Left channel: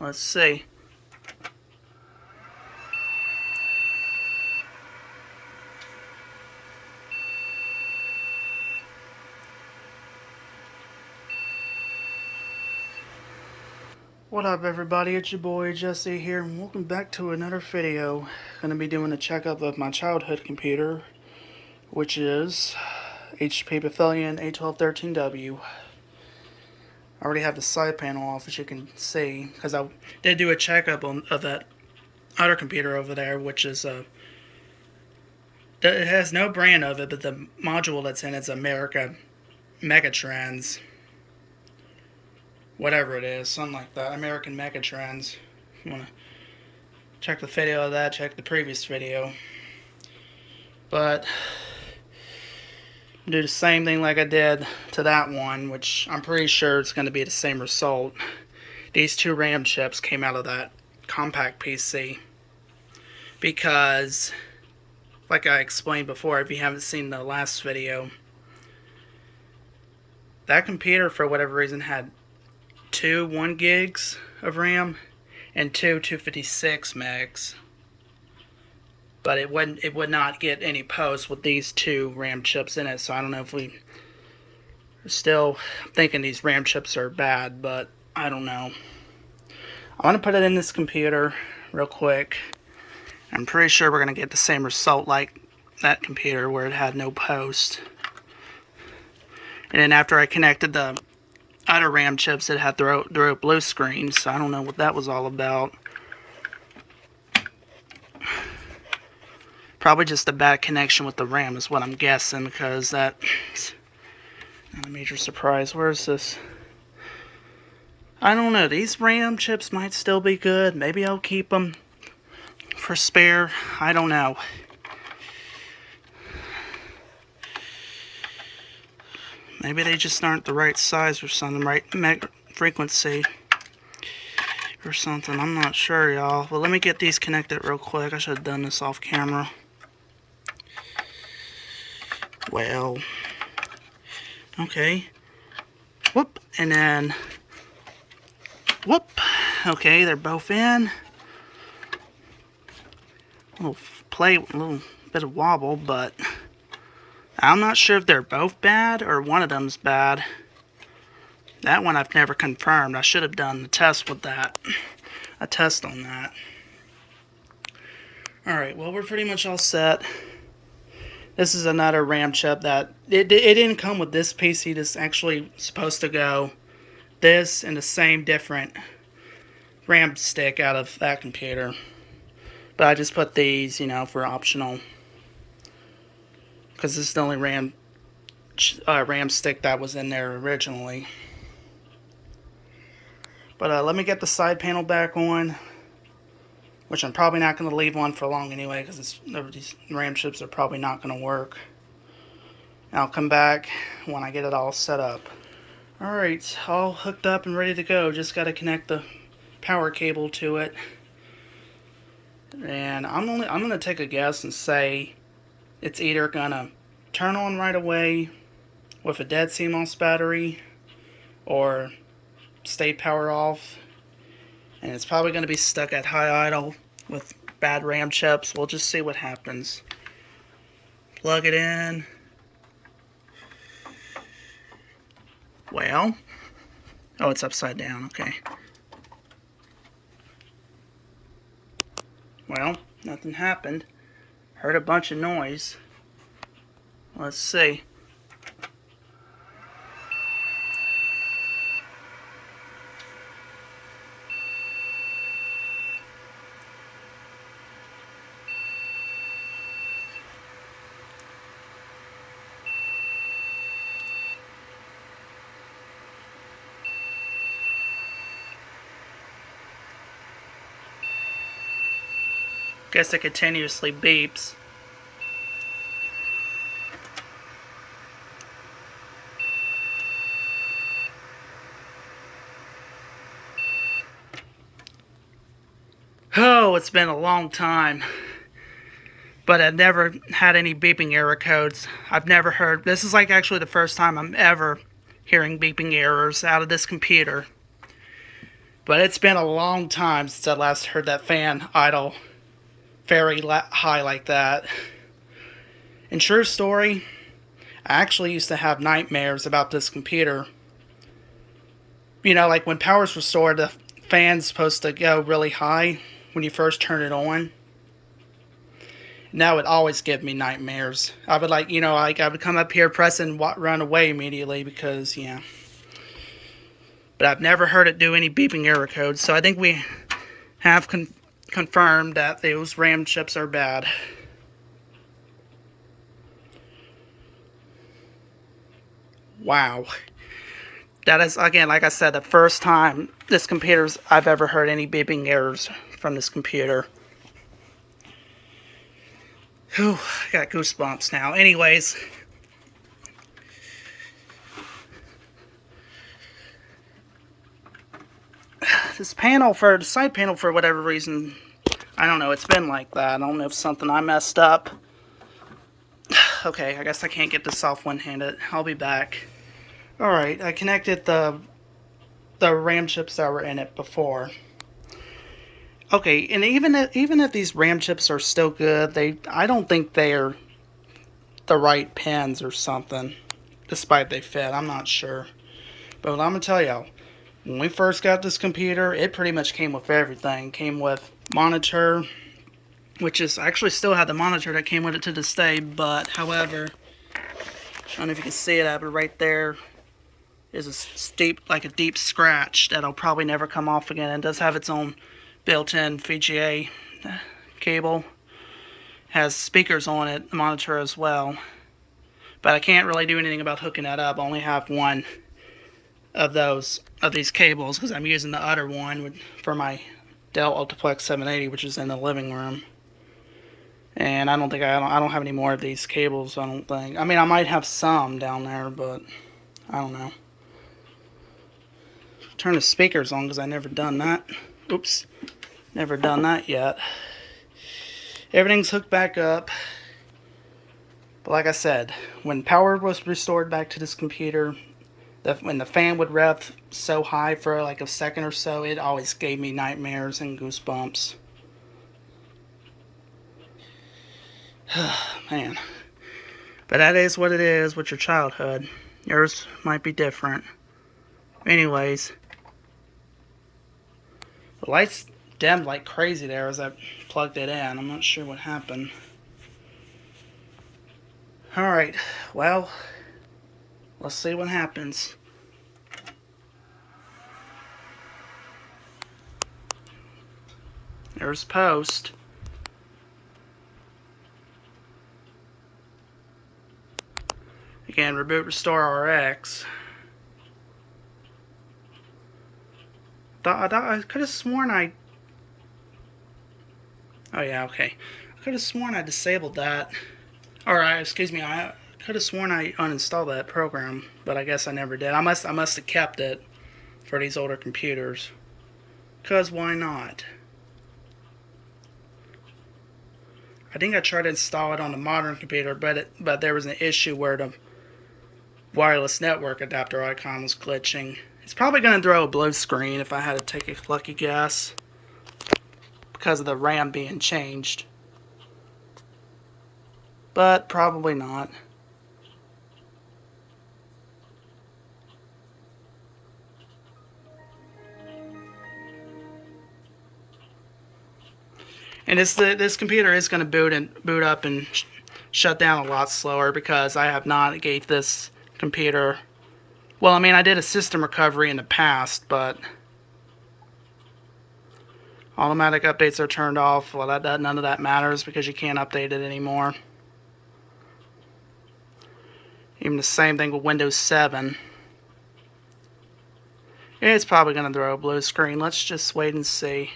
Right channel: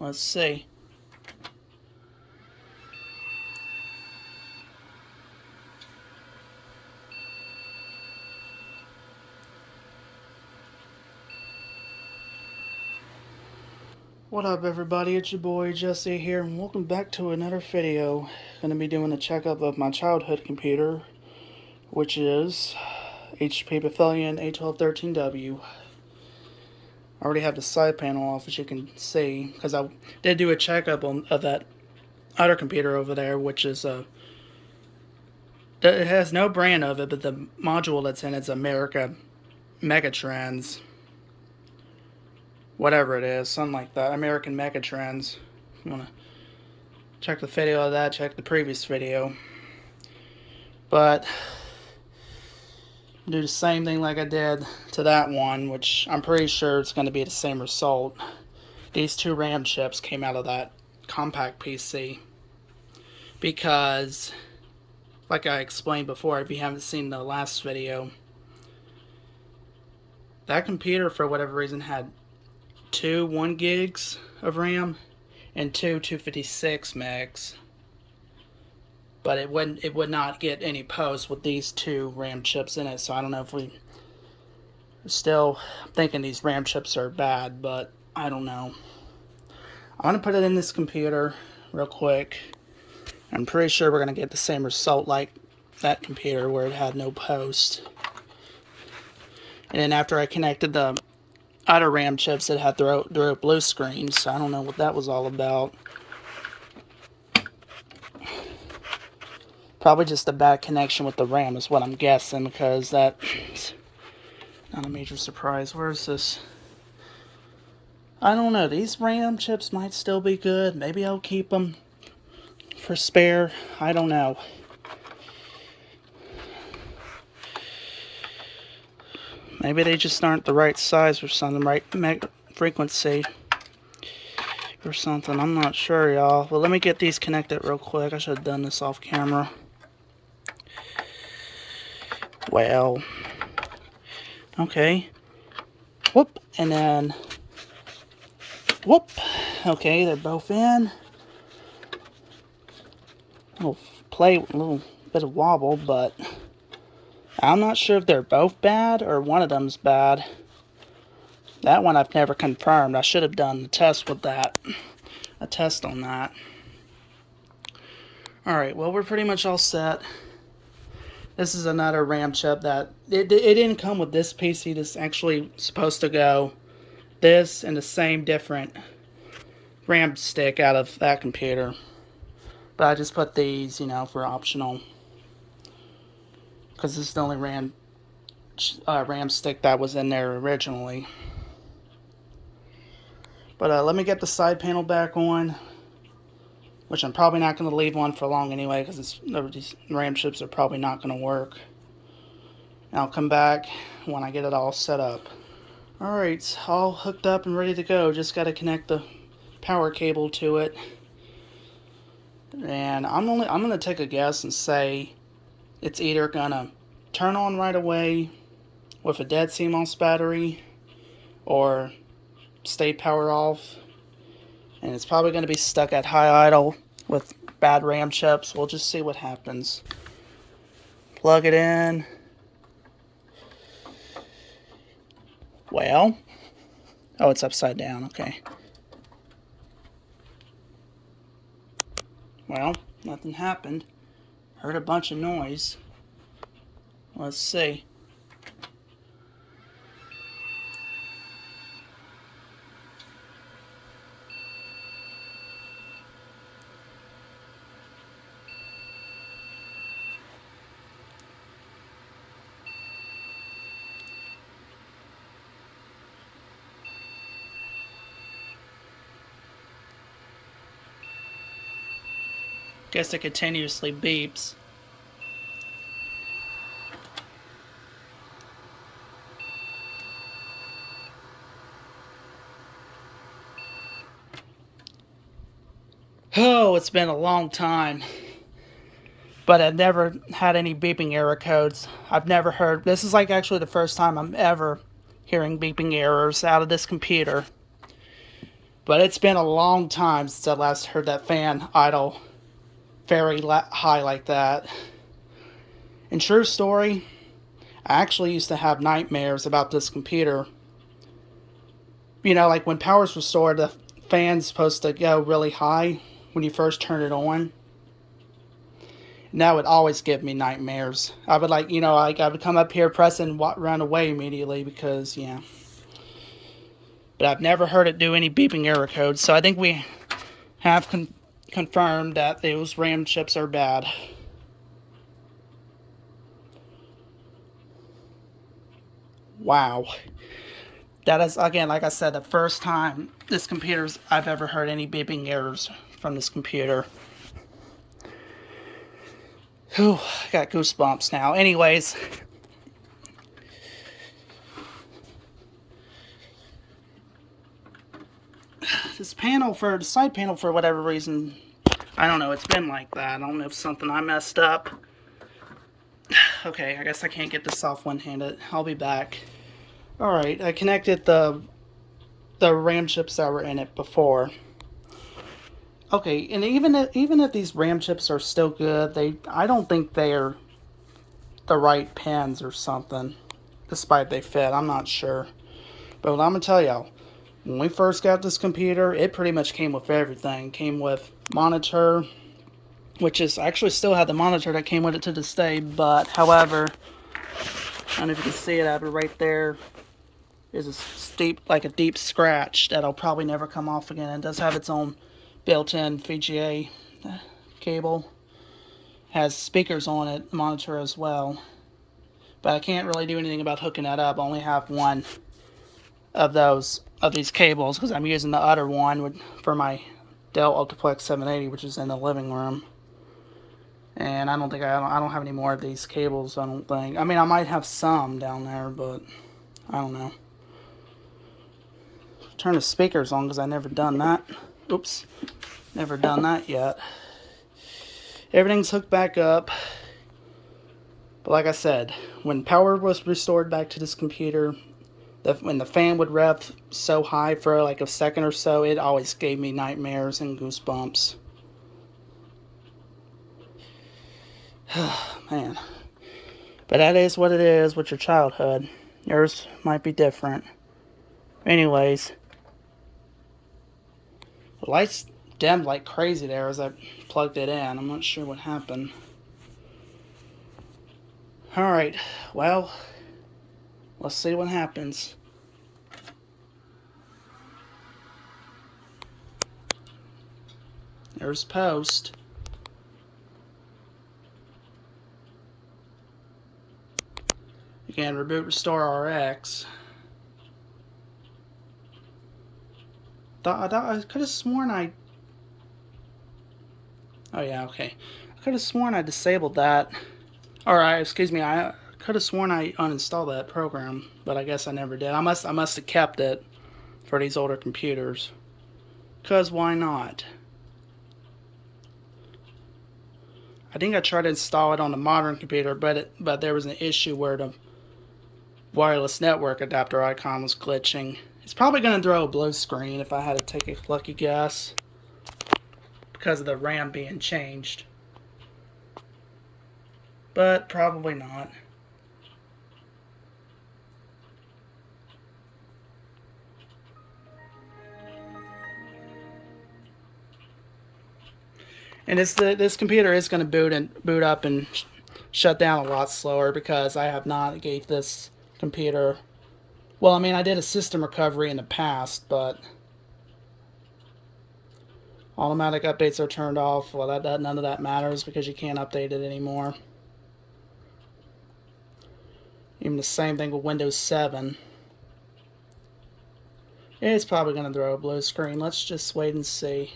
Let's see. What up, everybody? It's your boy Jesse here, and welcome back to another video. Gonna be doing a checkup of my childhood computer, which is HP Pavilion a1213w. I already have the side panel off, as you can see, because I did do a checkup of that other computer over there, which is it has no brand of it, but the module that's in it's America Megatrends. Whatever it is, something like that. American Megatrends. If you want to check the video of that, check the previous video. But do the same thing like I did to that one, which I'm pretty sure it's going to be the same result. These two RAM chips came out of that compact PC because, like I explained before, if you haven't seen the last video, that computer for whatever reason had two 1 gigs of RAM and two 256 megs, but it would not get any posts with these two RAM chips in it. So I don't know if we still thinking these RAM chips are bad, but I don't know. I'm gonna put it in this computer real quick. I'm pretty sure we're gonna get the same result like that computer where it had no post. And then after I connected the other RAM chips, that had throw a blue screen, so I don't know what that was all about. Probably just a bad connection with the RAM is what I'm guessing, because that's not a major surprise. Where is this? I don't know. These RAM chips might still be good. Maybe I'll keep them for spare. I don't know. Maybe they just aren't the right size or something, right frequency or something. I'm not sure, y'all. Well, let me get these connected real quick. I should have done this off camera. Well, okay. Whoop, and then whoop. Okay, they're both in. A little bit of wobble, but I'm not sure if they're both bad or one of them's bad. That one I've never confirmed. I should have done the test with that. A test on that. Alright, well, we're pretty much all set. This is another RAM chip that it didn't come with this PC. This is actually supposed to go this and the same different RAM stick out of that computer. But I just put these, you know, for optional, because this is the only RAM stick that was in there originally. But let me get the side panel back on, which I'm probably not going to leave on for long anyway, because these RAM chips are probably not going to work. And I'll come back when I get it all set up. Alright, all hooked up and ready to go. Just got to connect the power cable to it. And I'm going to take a guess and say it's either going to turn on right away with a dead CMOS battery or stay power off, and it's probably going to be stuck at high idle with bad RAM chips. We'll just see what happens. Plug it in. Well, oh, it's upside down. Okay. Well, nothing happened. Heard a bunch of noise. Let's see. Guess it continuously beeps. Oh, it's been a long time. But I've never had any beeping error codes. I've never heard. This is like actually the first time I'm ever hearing beeping errors out of this computer. But it's been a long time since I last heard that fan idle very high like that. And true story, I actually used to have nightmares about this computer. You know, like when power's restored, the fan's supposed to go really high when you first turn it on. And that would always give me nightmares. I would I would come up here, press and run away immediately because, yeah. But I've never heard it do any beeping error codes, so I think we have confirmed that those RAM chips are bad. Wow. That is, again, like I said, the first time I've ever heard any beeping errors from this computer. Whew, I got goosebumps now. Anyways. This panel, for the side panel, for whatever reason, I don't know, it's been like that. I don't know if something I messed up. Okay, I guess I can't get this off one-handed. I'll be back. Alright, I connected the RAM chips that were in it before. Okay, and even if these RAM chips are still good, I don't think they're the right pins or something, despite they fit. I'm not sure. But what I'm going to tell y'all, when we first got this computer, it pretty much came with everything. It came with monitor, which is, I actually still have the monitor that came with it to this day, but however, I don't know if you can see it, I have it right there, is a deep scratch that'll probably never come off again. It does have its own built-in VGA cable. Has speakers on it, the monitor as well. But I can't really do anything about hooking that up. I only have one of these cables because I'm using the other one for my Dell Ultraplex 780, which is in the living room. And I don't have any more of these cables, I don't think. I mean, I might have some down there, but I don't know. Turn the speakers on because I never done that. Oops. Never done that yet. Everything's hooked back up. But like I said, when power was restored back to this computer, when the fan would rev so high for like a second or so, it always gave me nightmares and goosebumps. Man. But that is what it is with your childhood. Yours might be different. Anyways. The lights dimmed like crazy there as I plugged it in. I'm not sure what happened. Alright, well, let's see what happens. There's post. Again, reboot restore RX. I could have sworn oh yeah, okay. I could have sworn I disabled that. Excuse me, I could have sworn I uninstalled that program, but I guess I never did. I must have kept it for these older computers. 'Cause why not? I think I tried to install it on the modern computer, but there was an issue where the wireless network adapter icon was glitching. It's probably going to throw a blue screen if I had to take a lucky guess, because of the RAM being changed. But probably not. And this computer is going to boot up and shut down a lot slower because I have not gave this computer. Well, I mean, I did a system recovery in the past, but automatic updates are turned off. Well, none of that matters because you can't update it anymore. Even the same thing with Windows 7. It's probably going to throw a blue screen. Let's just wait and see.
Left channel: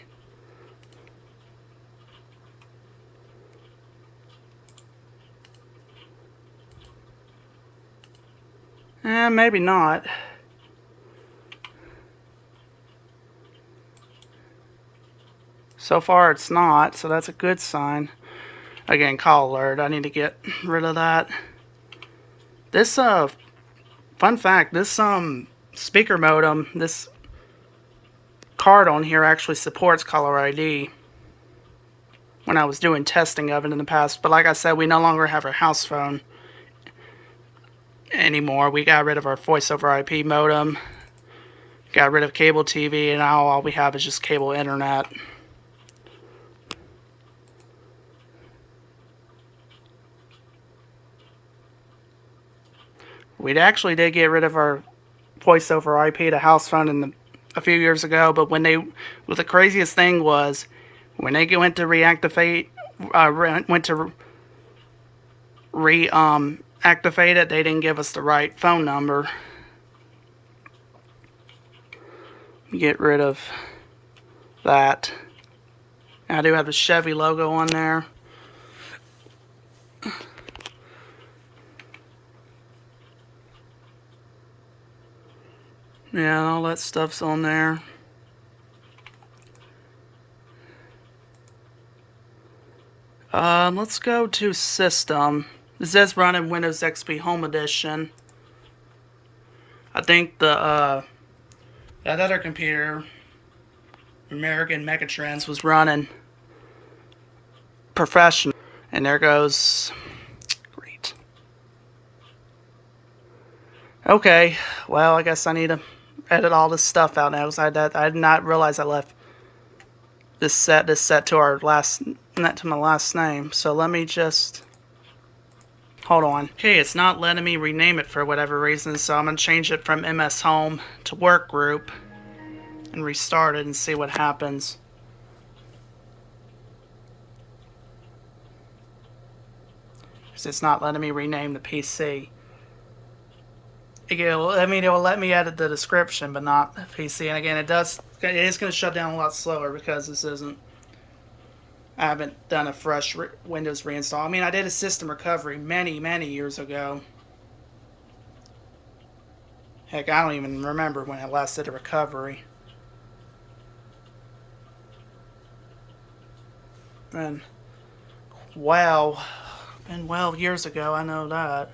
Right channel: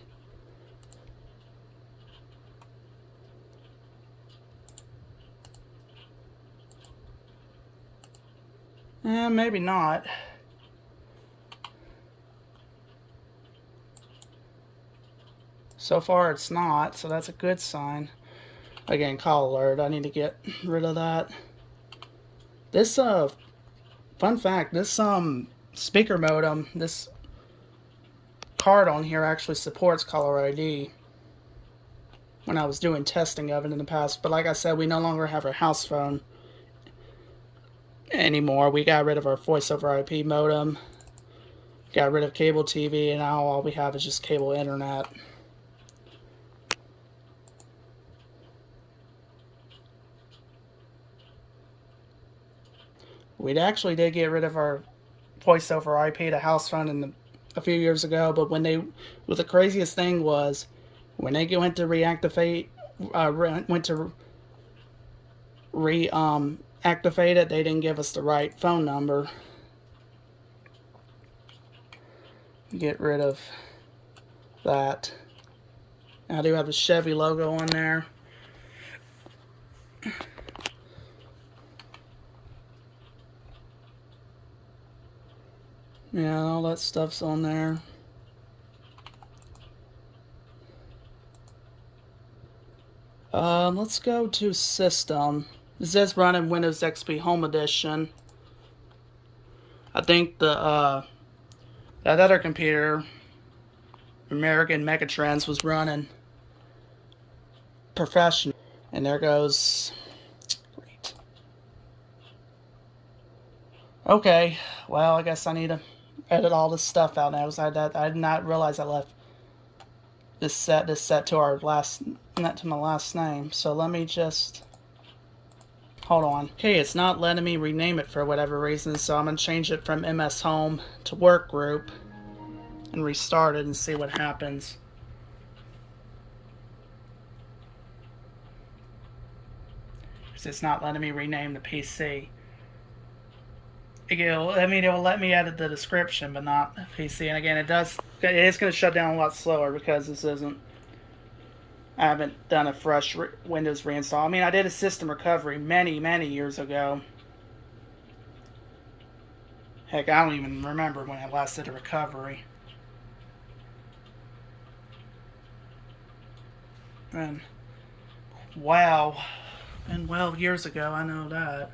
Maybe not. So far it's not, so that's a good sign. Again, call alert. I need to get rid of that. This, fun fact, this, speaker modem, this card on here actually supports caller ID when I was doing testing of it in the past. But like I said, we no longer have our house phone anymore. We got rid of our voice over IP modem, got rid of cable TV, and now all we have is just cable internet. We actually did get rid of our voice over IP to house phone a few years ago, but well, the craziest thing was when they went to reactivate, activate it, they didn't give us the right phone number. Get rid of that. I do have the Chevy logo on there. Yeah, all that stuff's on there. Let's go to System. This is running Windows XP Home Edition. I think that other computer, American Megatrends, was running Professional. And there goes. Great. Okay, well, I guess I need to edit all this stuff out now because I did not realize I left this set to my last name. So let me just hold on. Okay, it's not letting me rename it for whatever reason, so I'm gonna change it from MS Home to Work Group and restart it and see what happens. Because it's not letting me rename the PC. It will let me edit the description, but not the PC. And again, it is going to shut down a lot slower because I haven't done a fresh Windows reinstall. I mean, I did a system recovery many years ago. Heck, I don't even remember when I last did a recovery. And, wow, been 12 years ago, I know that.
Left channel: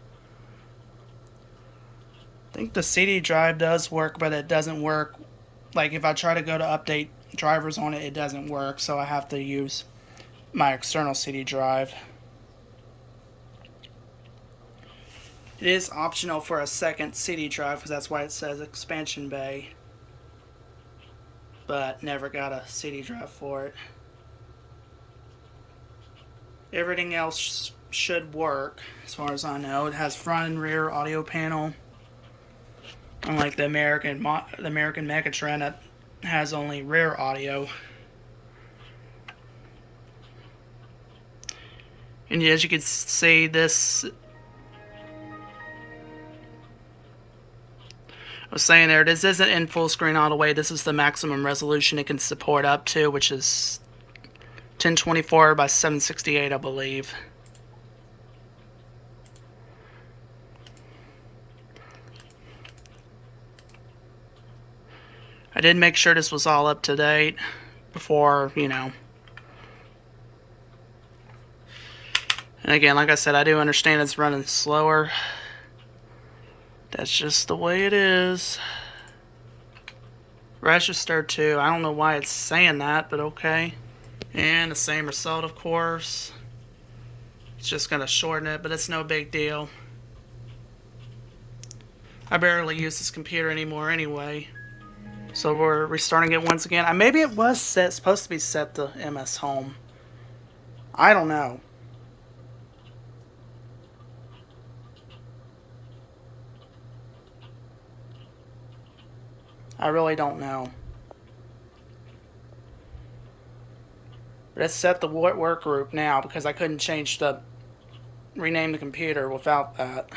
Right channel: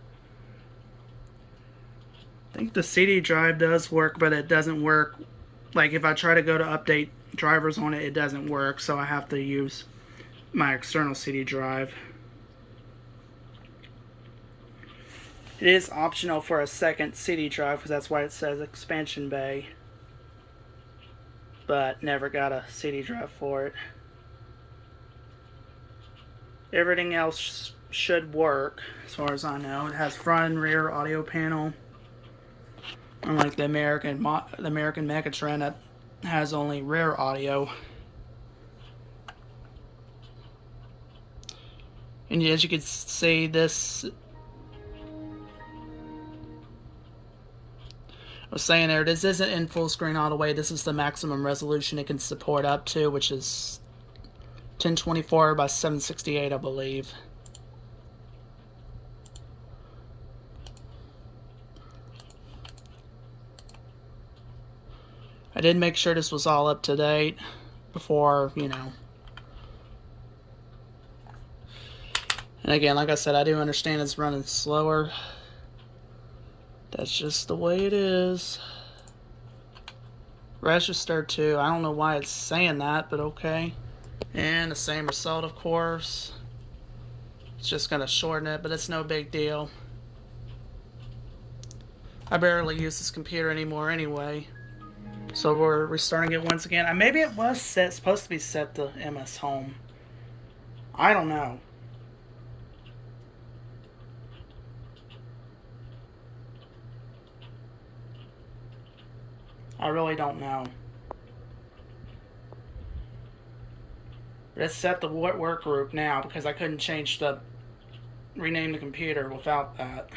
I think the CD drive does work, but it doesn't work. Like, if I try to go to update drivers on it, it doesn't work, so I have to use my external CD drive. It is optional for a second CD drive, because that's why it says expansion bay. But never got a CD drive for it. Everything else should work, as far as I know. It has front and rear audio panel. Unlike the American Megatrend that has only rear audio. And as you can see, this I was saying there, this isn't in full screen all the way. This is the maximum resolution it can support up to, which is 1024 by 768, I believe. I did make sure this was all up to date before, And again, like I said, I do understand it's running slower. That's just the way it is. Register to, I don't know why it's saying that, but okay. And the same result, of course. It's just going to shorten it, but it's no big deal. I barely use this computer anymore anyway. So we're restarting it once again. Maybe it was supposed to be set to MS Home. I don't know. I really don't know. But it's set to work group now because I couldn't rename the computer without that.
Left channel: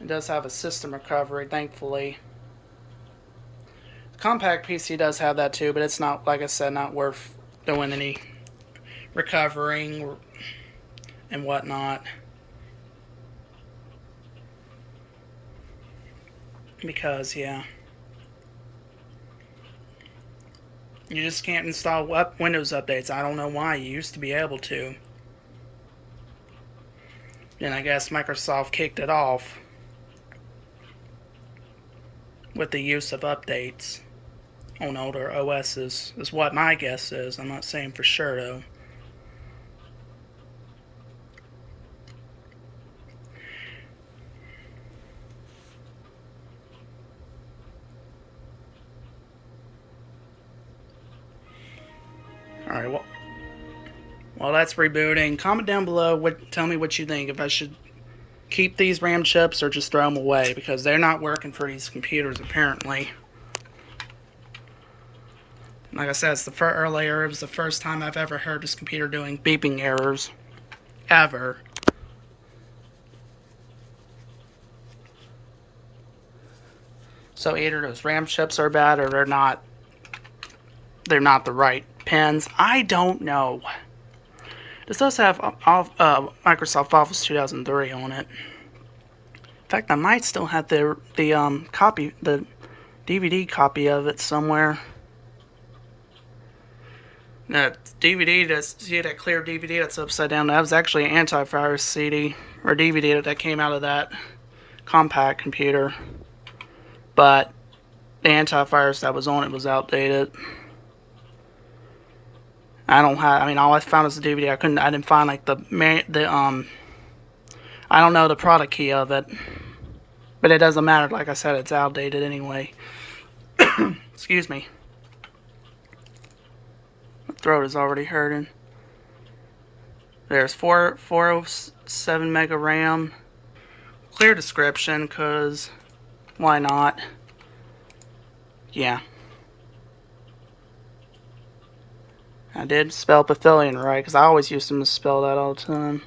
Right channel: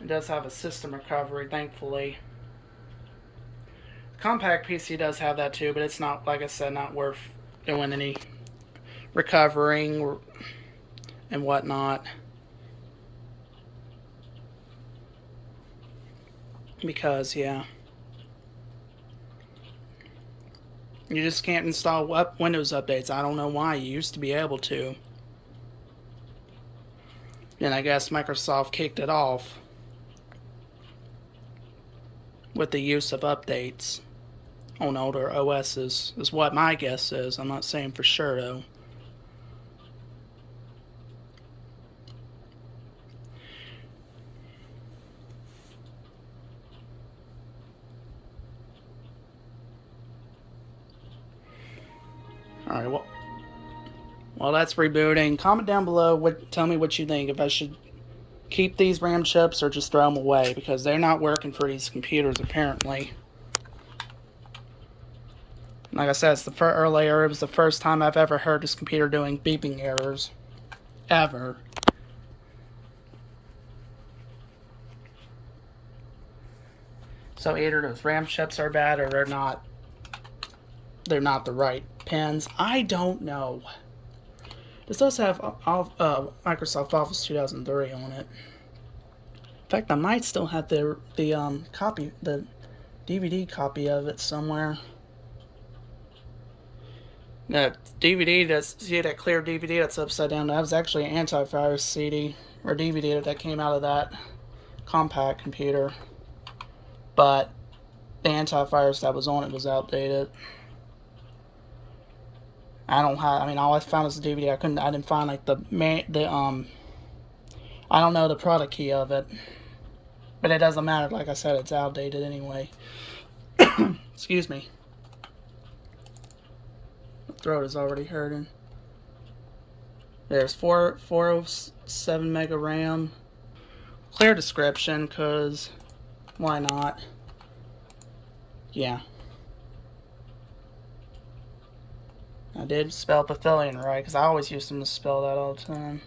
It does have a system recovery, thankfully. The compact PC does have that too, but it's not, like I said, not worth doing any recovering and whatnot. Because, yeah. You just can't install Windows updates. I don't know why. You used to be able to. Then I guess Microsoft kicked it off. with the use of updates on older OSs, is what my guess is. I'm not saying for sure though. Alright, well, while that's rebooting, comment down below, tell me what you think, if I should keep these RAM chips or just throw them away, because they're not working for these computers apparently. Like I said, it's earlier, it was the first time I've ever heard this computer doing beeping errors. Ever. So either those RAM chips are bad or they're not the right pins. I don't know. This does have Microsoft Office 2003 on it. In fact, I might still have the DVD copy of it somewhere. That DVD, see that clear DVD that's upside down, that was actually an antivirus CD or DVD that came out of that compact computer. But the antivirus that was on it was outdated. I don't have, I mean, all I found is the DVD. I didn't find like I don't know the product key of it. But it doesn't matter, like I said, it's outdated anyway. Excuse me. My throat is already hurting. There's 407 mega RAM. Clear description, because why not? Yeah. I did spell Pavilion right, because I always used to misspell that all the time.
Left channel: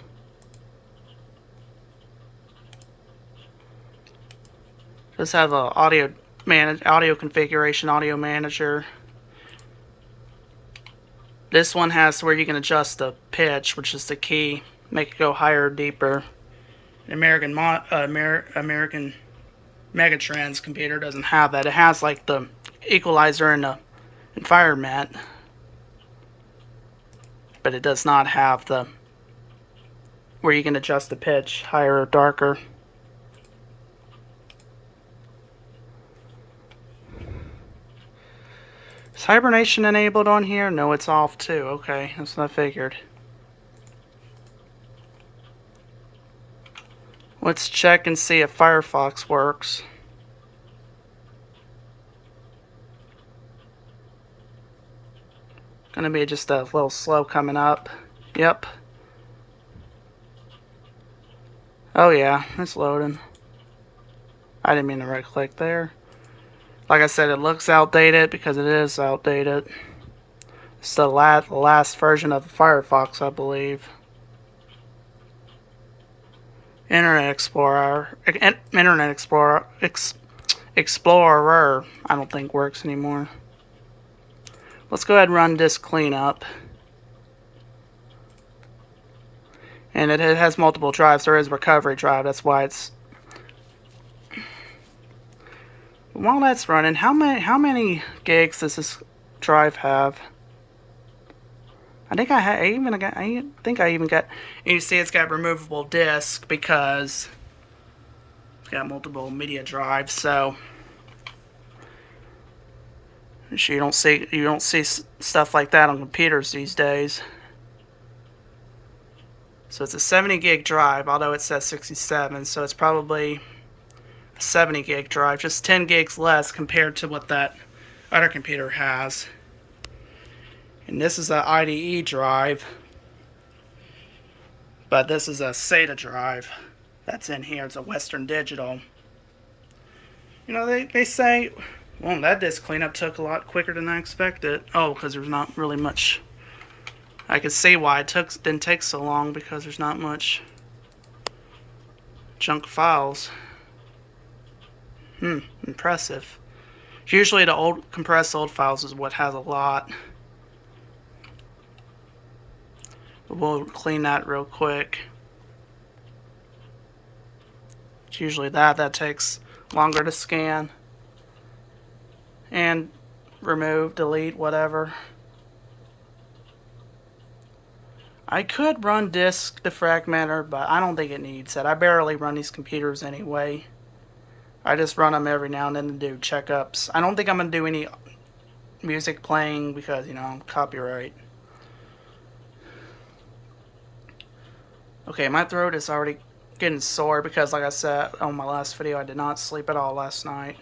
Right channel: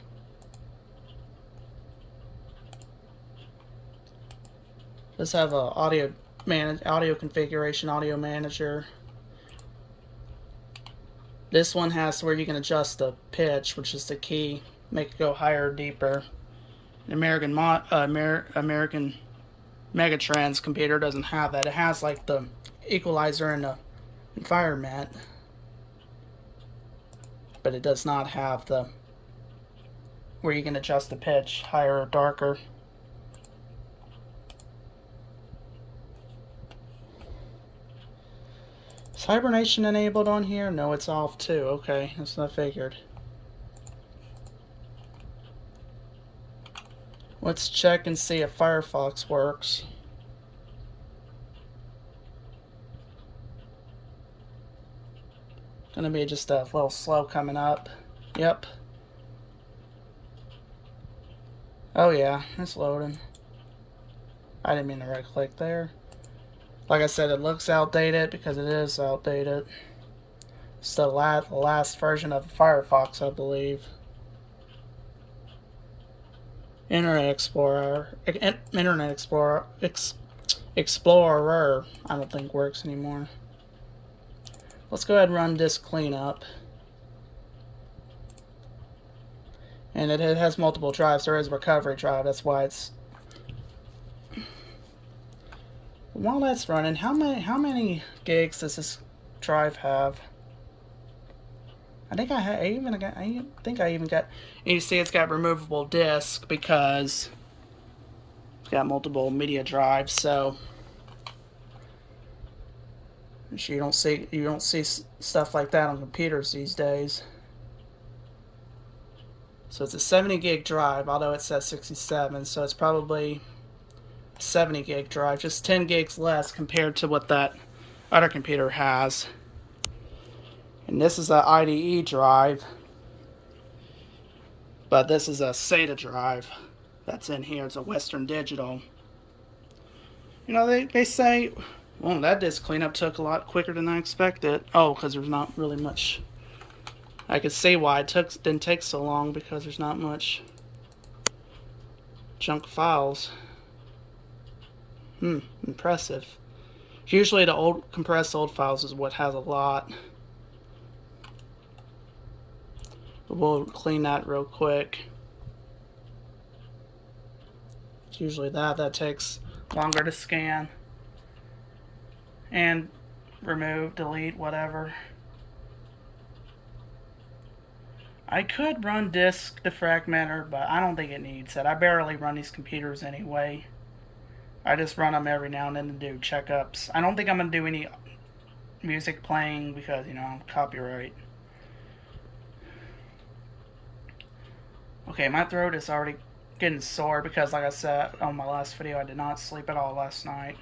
Does have a audio configuration, audio manager. This one has where you can adjust the pitch, which is the key, make it go higher or deeper. An American Megatrend's computer doesn't have that. It has like the equalizer in the environment, but it does not have the where you can adjust the pitch higher or darker. Is hibernation enabled on here? No, it's off too. Okay, that's what I figured. Let's check and see if Firefox works. Gonna be just a little slow coming up. Yep. Oh yeah, it's loading. I didn't mean to right click there. Like I said, it looks outdated because it is outdated. It's the last version of Firefox, I believe. Internet Explorer, Explorer, I don't think works anymore. Let's go ahead and run disk cleanup. And it has multiple drives. There is a recovery drive. That's why it's. While that's running, how many gigs does this drive have? I think I even got. And you see, it's got removable disk because it's got multiple media drives. So you don't see stuff like that on computers these days. So it's a 70 gig drive, although it says 67. So it's probably 70 gig drive, just 10 gigs less compared to what that other computer has. And this is a IDE drive, but this is a SATA drive that's in here. It's a Western Digital. You know, they say, well, that disk cleanup took a lot quicker than I expected. Oh, because there's not really much. I could see why it didn't take so long, because there's not much junk files. Impressive. Usually the compressed old files is what has a lot. But we'll clean that real quick. It's usually that takes longer to scan and remove, delete, whatever. I could run disk defragmenter, but I don't think it needs it. I barely run these computers anyway. I just run them every now and then to do checkups. I don't think I'm going to do any music playing because, you know, copyright. Okay, my throat is already getting sore because, like I said on my last video, I did not sleep at all last night.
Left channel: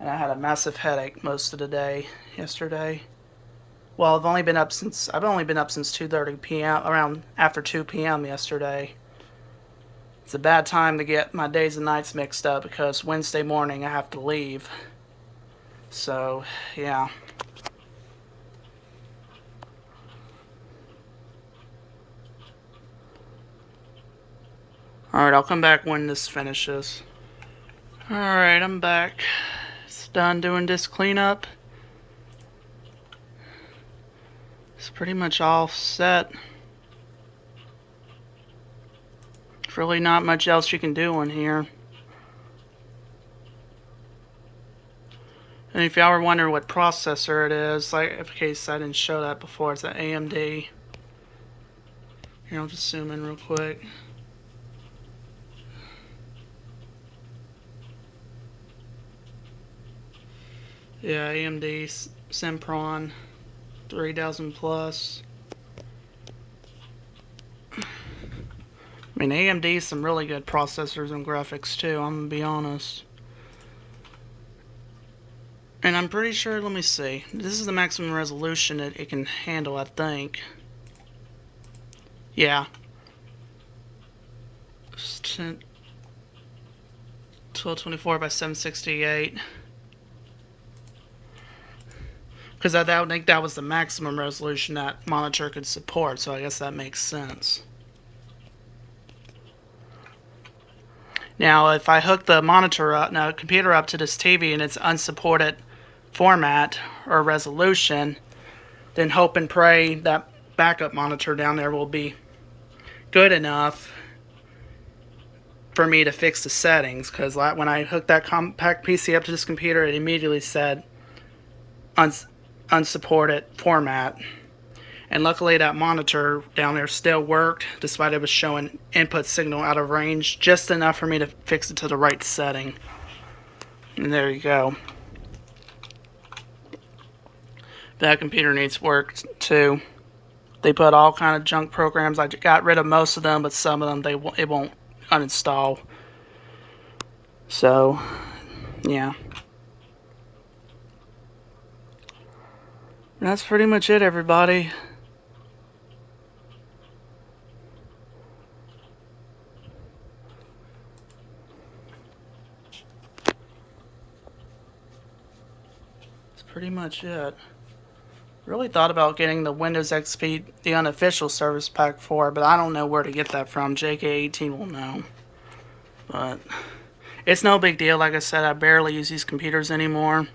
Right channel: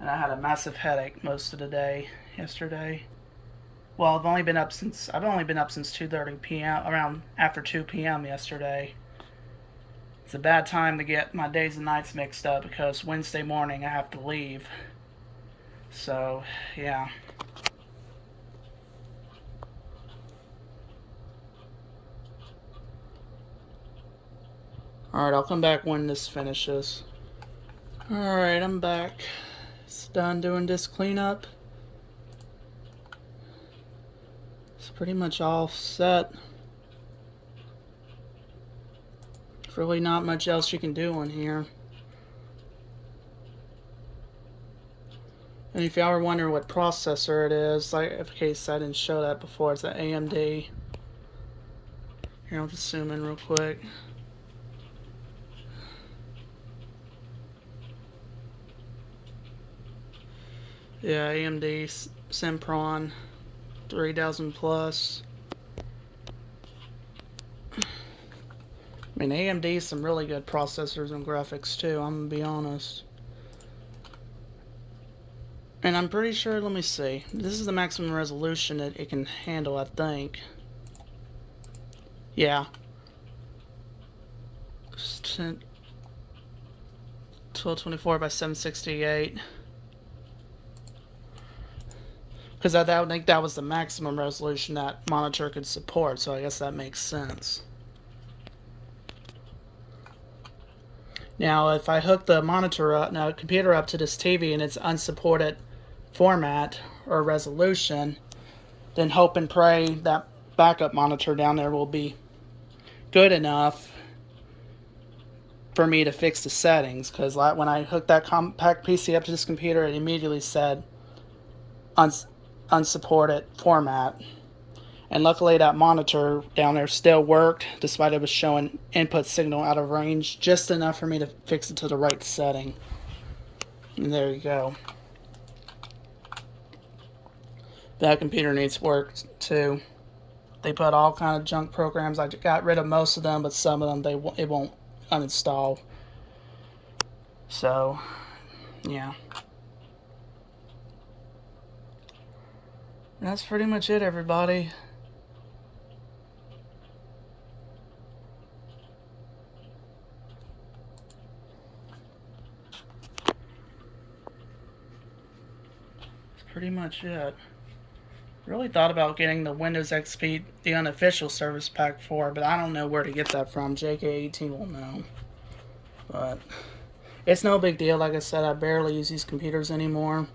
And I had a massive headache most of the day yesterday. Well, I've only been up since 2:30 p.m. around after 2 p.m. yesterday. It's a bad time to get my days and nights mixed up because Wednesday morning I have to leave. So, yeah. Alright, I'll come back when this finishes. Alright, I'm back. It's done doing this cleanup. It's pretty much all set. There's really not much else you can do in here. And if y'all were wondering what processor it is, like in case I didn't show that before, it's an AMD. Here, I'll just zoom in real quick. Yeah, AMD Sempron 3000 plus. I mean, AMD's some really good processors and graphics too, I'm gonna be honest. And I'm pretty sure, let me see, this is the maximum resolution that it can handle, I think. Yeah. 1224 by 768. Because I think that was the maximum resolution that monitor could support, so I guess that makes sense. Now, if I hook the computer up to this TV and it's unsupported format or resolution, then hope and pray that backup monitor down there will be good enough for me to fix the settings. Because when I hooked that compact PC up to this computer, it immediately said unsupported format. And luckily that monitor down there still worked, despite it was showing input signal out of range, just enough for me to fix it to the right setting. And there you go. That computer needs work too. They put all kind of junk programs. I got rid of most of them, but some of them it won't uninstall. So, yeah. That's pretty much it, everybody. That's pretty much it. Really thought about getting the Windows XP, the unofficial service pack for it, but I don't know where to get that from. JK18 will know. But it's no big deal. Like I said, I barely use these computers anymore.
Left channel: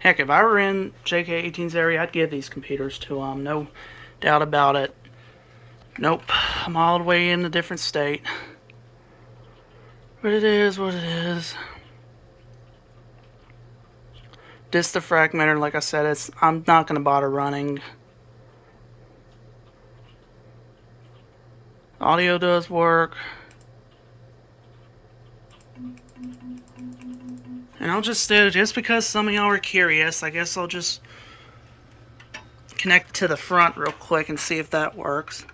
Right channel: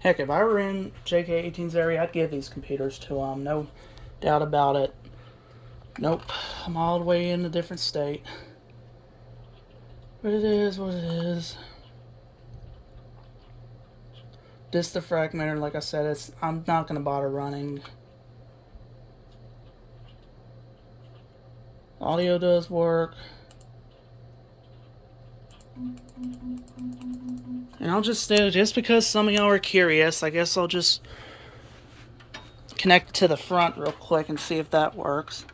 Heck, if I were in JK18's area, I'd give these computers to them. No doubt about it. Nope. I'm all the way in a different state. But it is what it is. This the fragmenter, like I said, I'm not going to bother running. Audio does work. And I'll just do, just because some of y'all are curious, I guess I'll just connect to the front real quick and see if that works.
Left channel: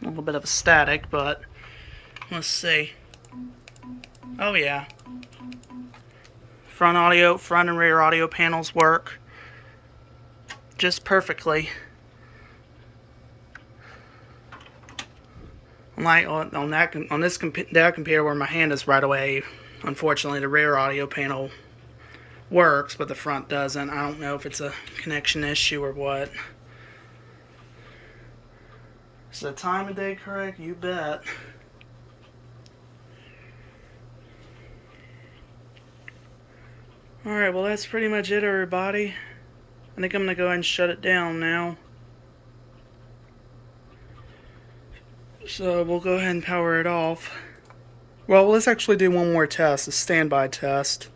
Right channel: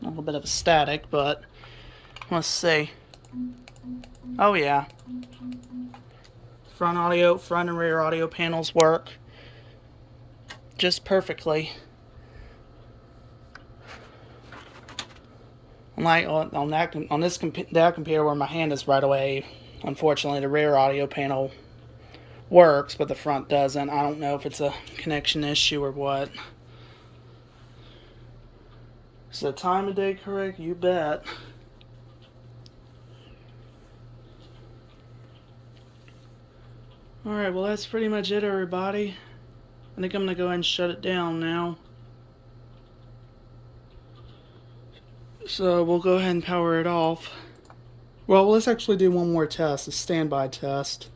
A little bit of a static, but let's see. Oh yeah. Front and rear audio panels work just perfectly. Like on that computer where my hand is right away, unfortunately the rear audio panel works, but the front doesn't. I don't know if it's a connection issue or what. Is the time of day correct? You bet. Alright, well that's pretty much it, everybody. I think I'm going to go ahead and shut it down now. So we'll go ahead and power it off. Well, let's actually do one more test, a standby test.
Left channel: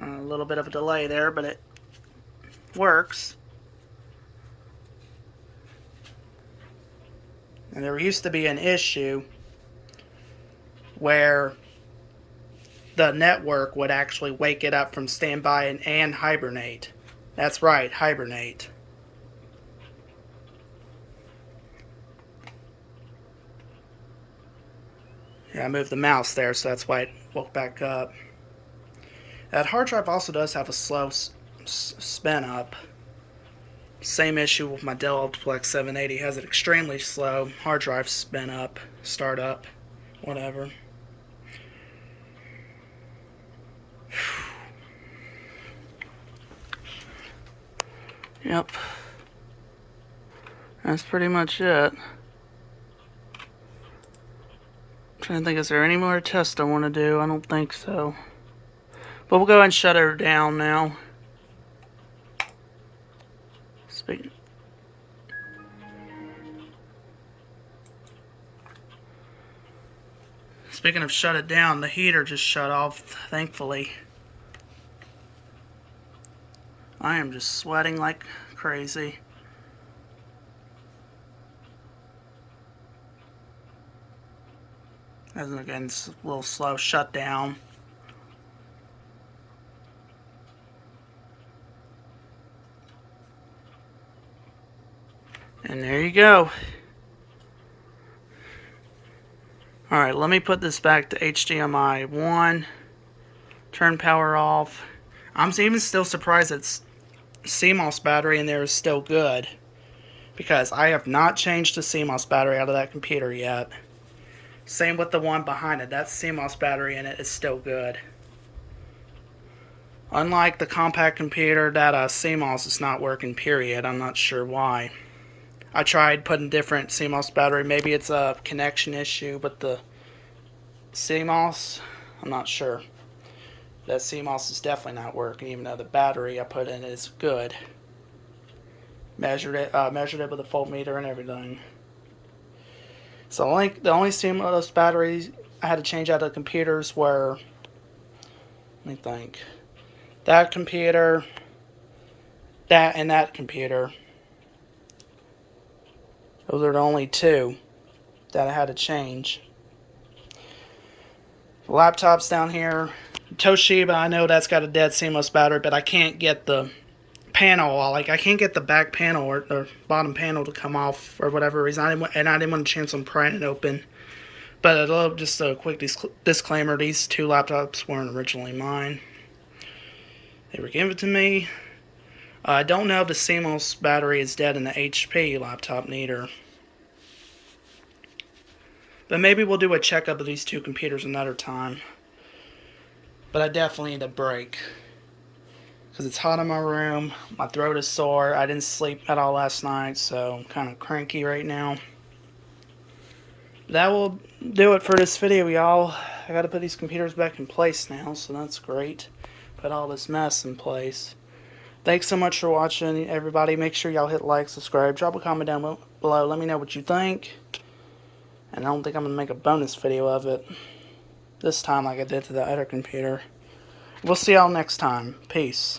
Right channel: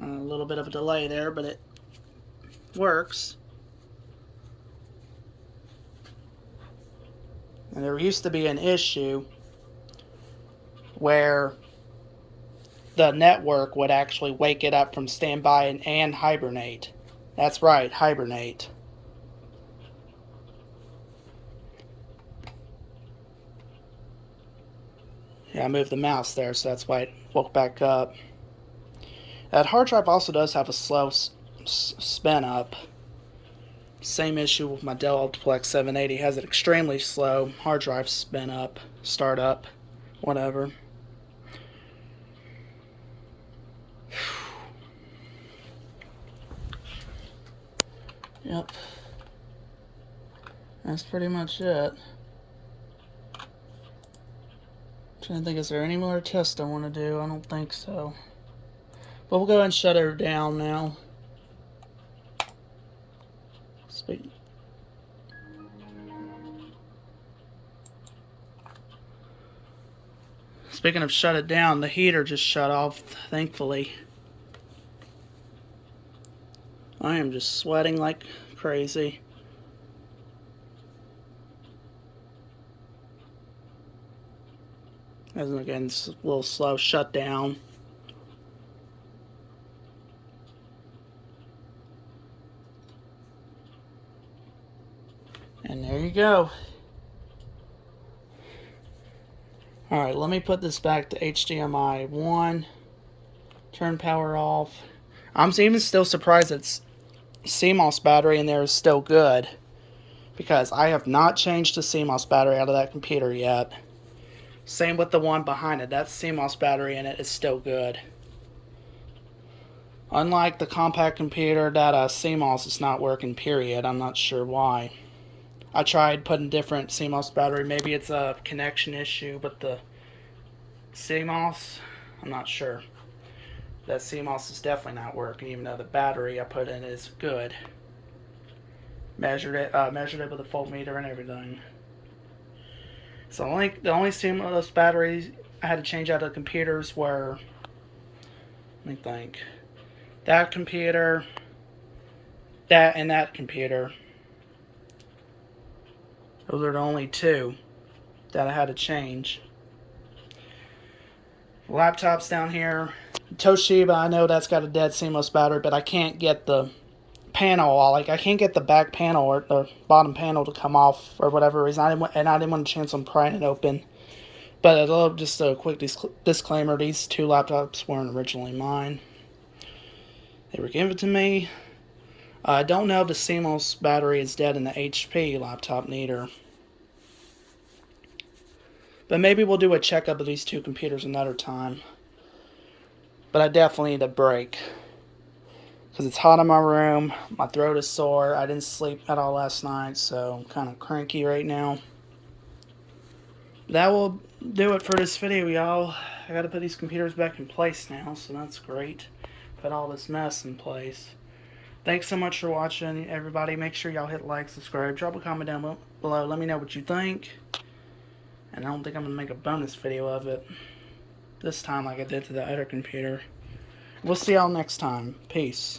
A little bit of a delay there, but it works. And there used to be an issue where the network would actually wake it up from standby and hibernate. That's right, hibernate. Yeah, I moved the mouse there, so that's why it woke back up. That hard drive also does have a slow spin up. Same issue with my Dell Optiplex 780. It has an extremely slow hard drive spin up, start up, whatever. Yep. That's pretty much it. I'm trying to think, is there any more tests I want to do? I don't think so. But we'll go ahead and shut her down now. Speaking of shut it down, the heater just shut off, thankfully. I am just sweating like crazy. As again, it's a little slow shutdown. And there you go. Alright, let me put this back to HDMI 1. Turn power off. I'm even still surprised that CMOS battery in there is still good, because I have not changed the CMOS battery out of that computer yet. Same with the one behind it. That CMOS battery in it is still good. Unlike the compact computer, that CMOS is not working, period. I'm not sure why. I tried putting different CMOS battery. Maybe it's a connection issue, but the CMOS, I'm not sure. That CMOS is definitely not working, even though the battery I put in is good. Measured it with a voltmeter and everything. So the only CMOS batteries I had to change out of the computers were, let me think, that computer, that, and that computer. Those are the only two that I had to change. The laptop's down here. Toshiba, I know that's got a dead CMOS battery, but I can't get the panel, I can't get the back panel or the bottom panel to come off for whatever reason. I didn't want a chance on prying it open. But just a quick disclaimer: these two laptops weren't originally mine. They were given to me. I don't know if the CMOS battery is dead in the HP laptop neither. But maybe we'll do a checkup of these two computers another time. But I definitely need a break, because it's hot in my room. My throat is sore. I didn't sleep at all last night, so I'm kind of cranky right now. That will do it for this video, y'all. I gotta put these computers back in place now, so that's great. Put all this mess in place. Thanks so much for watching, everybody. Make sure y'all hit like, subscribe, drop a comment down below. Let me know what you think. And I don't think I'm gonna make a bonus video of it this time like I did to the other computer. We'll see y'all next time. Peace.